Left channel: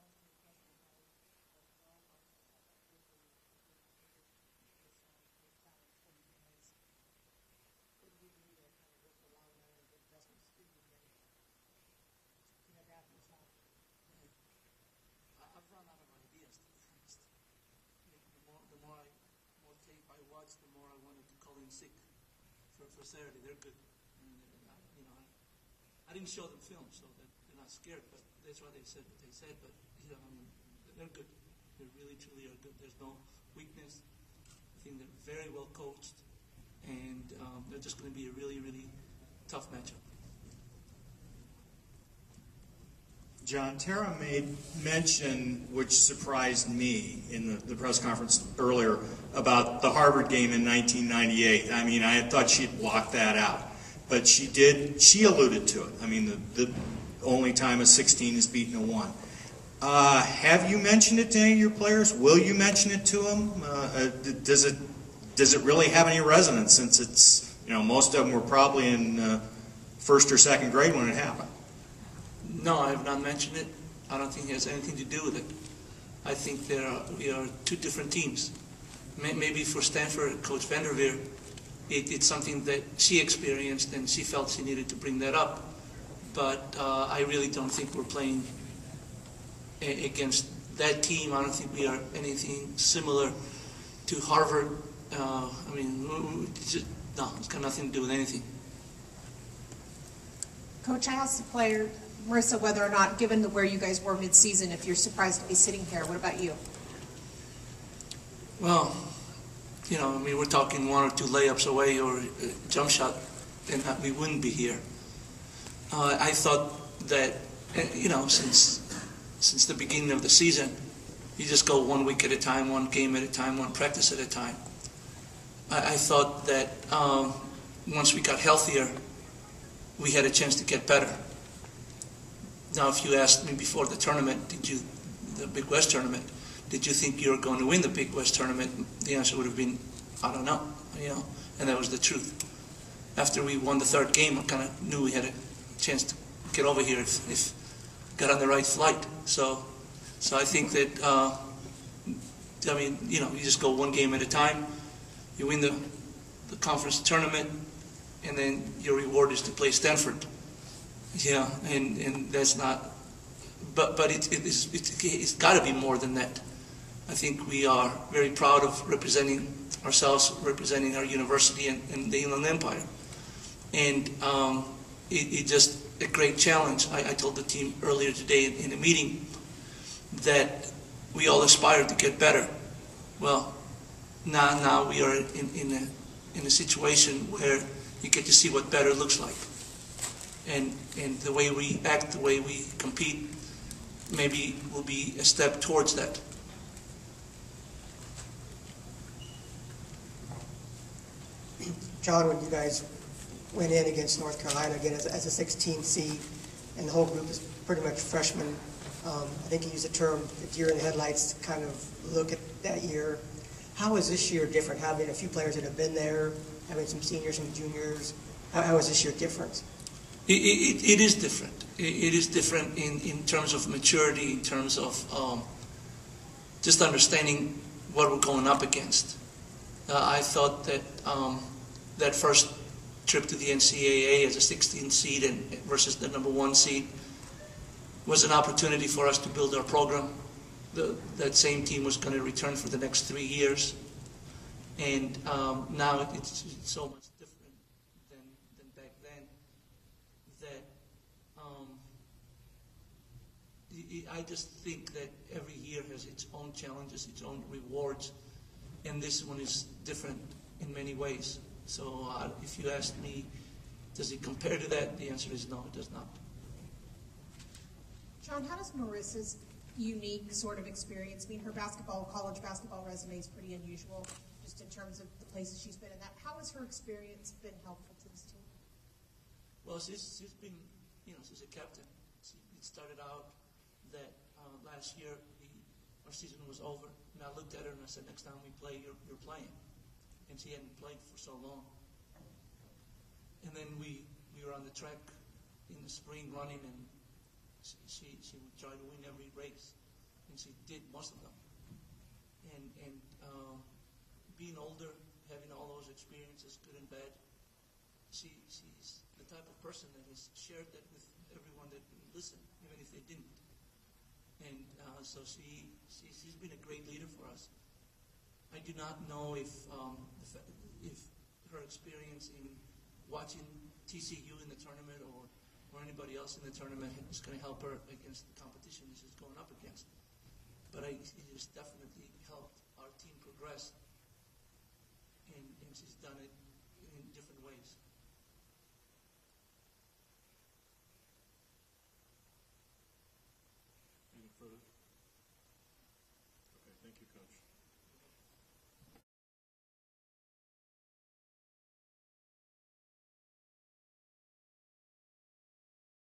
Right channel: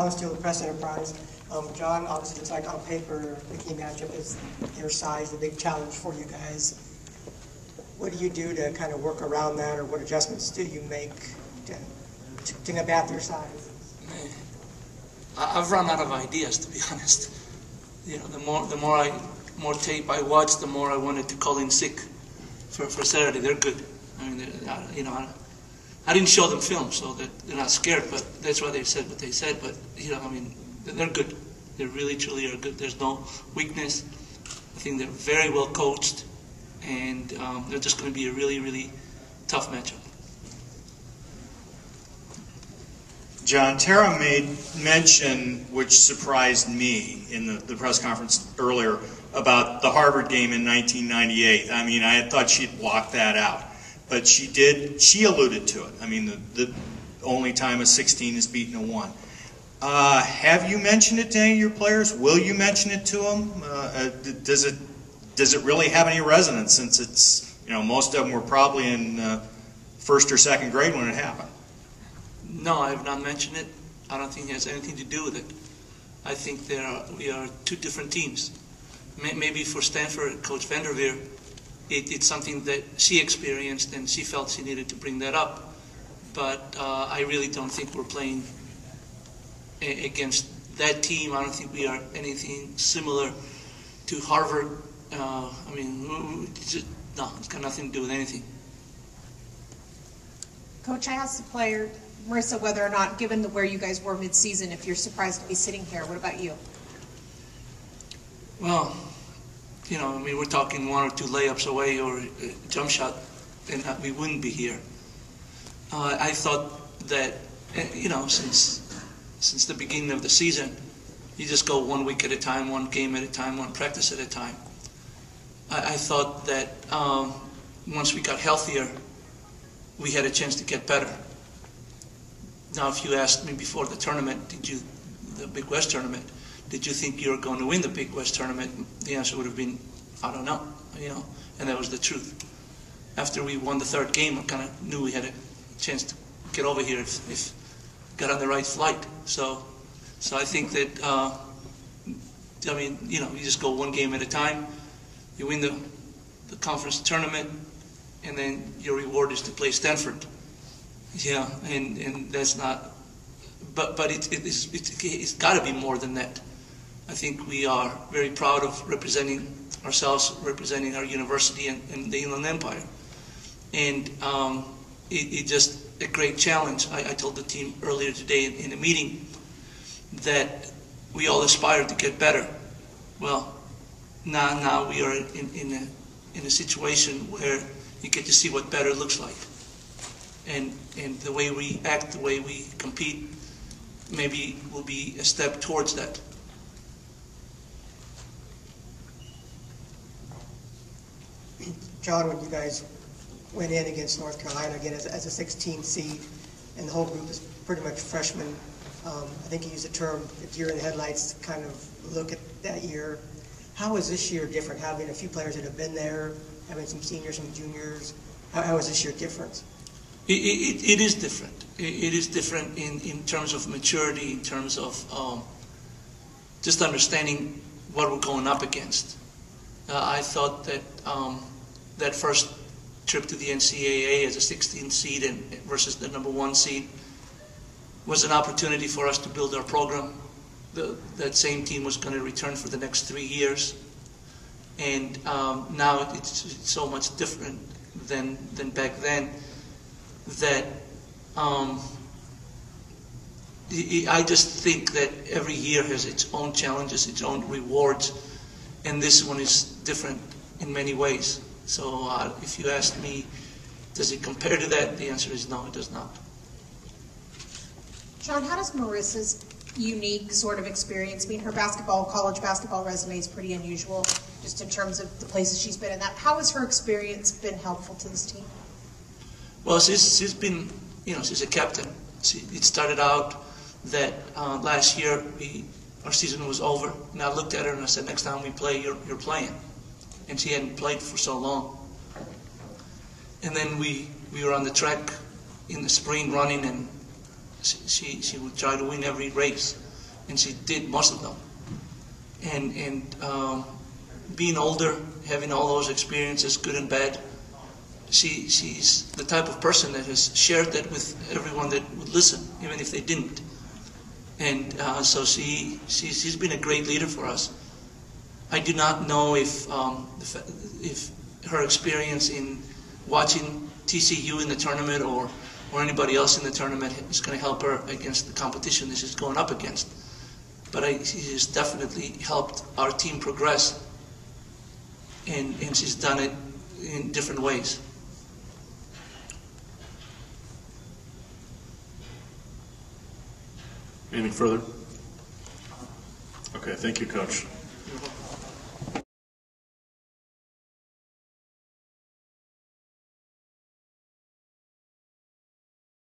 Alan Steele, the Press Enterprise. John, obviously it's like on paper, the key matchup is your size, the big challenge for you guys. What do you do to kind of work around that, or what adjustments do you make to combat their size? I've run out of ideas, to be honest. You know, the more tape I watch, the more I wanted to call in sick for Saturday. They're good. I mean, you know, I didn't show them film, so that they're not scared. But that's why they said what they said. But you know, I mean, they're good. They really, truly are good. There's no weakness. I think they're very well coached, and they're just going to be a really, really tough matchup. John, Tara made mention, which surprised me in the press conference earlier, about the Harvard game in 1998. I mean, I had thought she'd blocked that out, but she did. She alluded to it. I mean, the only time a 16 is beaten a 1. Have you mentioned it to any of your players? Will you mention it to them? Does it really have any resonance, since it's, you know, most of them were probably in first or second grade when it happened? No, I have not mentioned it. I don't think it has anything to do with it. I think we are two different teams. Maybe for Stanford, Coach Vanderveer, it's something that she experienced and she felt she needed to bring that up. But I really don't think we're playing against that team. I don't think we are anything similar to Harvard. I mean, no, it's got nothing to do with anything. Coach, I asked the player, Marissa, whether or not, given where you guys were mid-season, if you're surprised to be sitting here. What about you? Well, you know, I mean, we're talking 1 or 2 layups away or a jump shot, then we wouldn't be here. I thought that, you know, since the beginning of the season, you just go 1 week at a time, 1 game at a time, 1 practice at a time. I thought that once we got healthier, we had a chance to get better. Now, if you asked me before the tournament, the Big West tournament, did you think you were going to win the Big West tournament? The answer would have been, I don't know, you know, and that was the truth. After we won the 3rd game, I kind of knew we had a chance to get over here if we got on the right flight. So I think that, I mean, you know, you just go 1 game at a time. You win the conference tournament, and then your reward is to play Stanford. Yeah, and that's not, but it's got to be more than that. I think we are very proud of representing ourselves, representing our university and the Inland Empire, and it's just a great challenge. I told the team earlier today in a meeting that we all aspire to get better. Well, now we are in a situation where you get to see what better looks like. And the way we act, the way we compete, maybe will be a step towards that. John, when you guys went in against North Carolina again as a 16 seed, and the whole group is pretty much freshmen, I think you used the term deer in the headlights to kind of look at that year. How is this year different? Having a few players that have been there, having some seniors, some juniors, how is this year different? It is different. It is different in terms of maturity, in terms of just understanding what we're going up against. I thought that that first trip to the NCAA as a 16 seed versus the #1 seed was an opportunity for us to build our program. That same team was going to return for the next 3 years, and now it's so much different than back then. That I just think that every year has its own challenges, its own rewards, and this one is different in many ways. So if you ask me, does it compare to that? The answer is no, it does not. John, how does Marissa's unique sort of experience, I mean, her college basketball resume is pretty unusual, just in terms of the places she's been in that. How has her experience been helpful to this team? Well, she's been, you know, she's a captain. It started out that last year our season was over, and I looked at her and I said, next time we play, you're playing. And she hadn't played for so long. And then we were on the track in the spring running, and she would try to win every race. and she did most of them. And being older, having all those experiences, good and bad, she's the type of person that has shared that with everyone that would listen, even if they didn't. And so she's been a great leader for us. I do not know if her experience in watching TCU in the tournament or anybody else in the tournament is going to help her against the competition that she's going up against. But she has definitely helped our team progress, and she's done it in different ways. Anything further? Okay, thank you, Coach.